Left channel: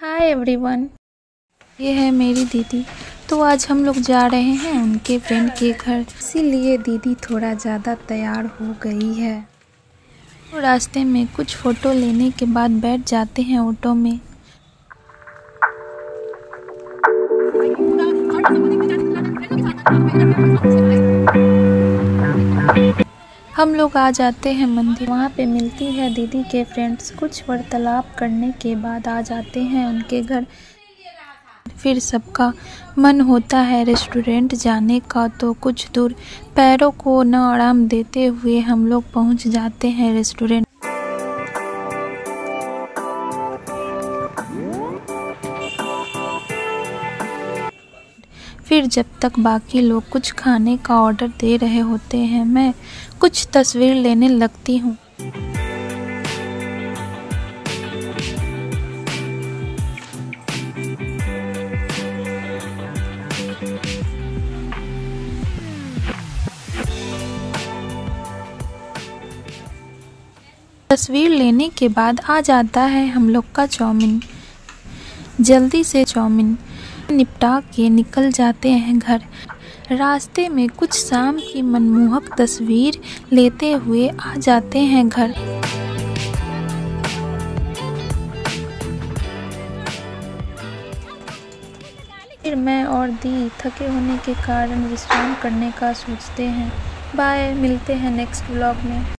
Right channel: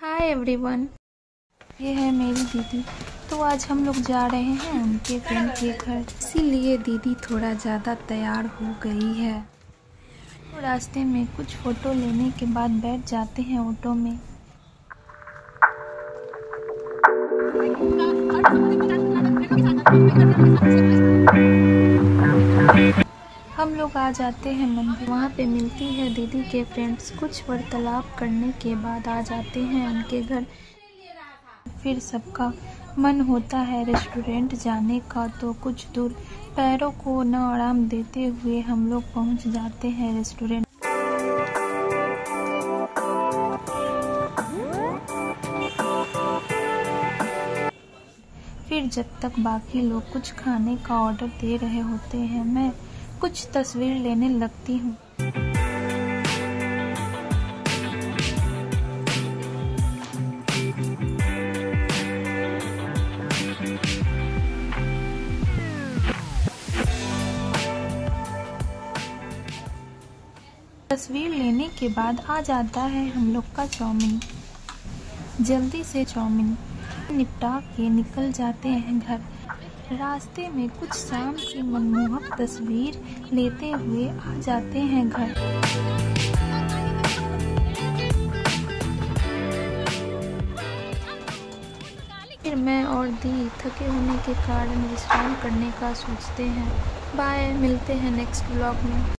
Hi everyone, ये है मेरी दीदी। तो आज हम लोग जा रहे हैं उनके फ्रेंड के घर, इसीलिए दीदी थोड़ा ज़्यादा तैयार हो गई है। तो रास्ते में कुछ फ़ोटो लेने के बाद बैठ जाते हैं ऑटो में। हम लोग आ जाते हैं मंदिर, वहाँ पे मिलती है दीदी के फ्रेंड्स। कुछ वार्तालाप करने के बाद आ जाते हैं उनके घर। फिर सबका मन होता है रेस्टोरेंट जाने का, तो कुछ दूर पैरों को न आराम देते हुए हम लोग पहुँच जाते हैं रेस्टोरेंट। फिर जब तक बाकी लोग कुछ खाने का ऑर्डर दे रहे होते हैं, मैं कुछ तस्वीर लेने लगती हूँ। तस्वीर लेने के बाद आ जाता है हम लोग का चाउमीन। जल्दी से चाउमीन निपटा के निकल जाते हैं घर। रास्ते में कुछ शाम की मनमोहक तस्वीर लेते हुए आ जाते हैं घर। फिर मैं और दी थके होने के कारण विश्राम करने का सोचते हैं। बाय, मिलते हैं नेक्स्ट व्लॉग में।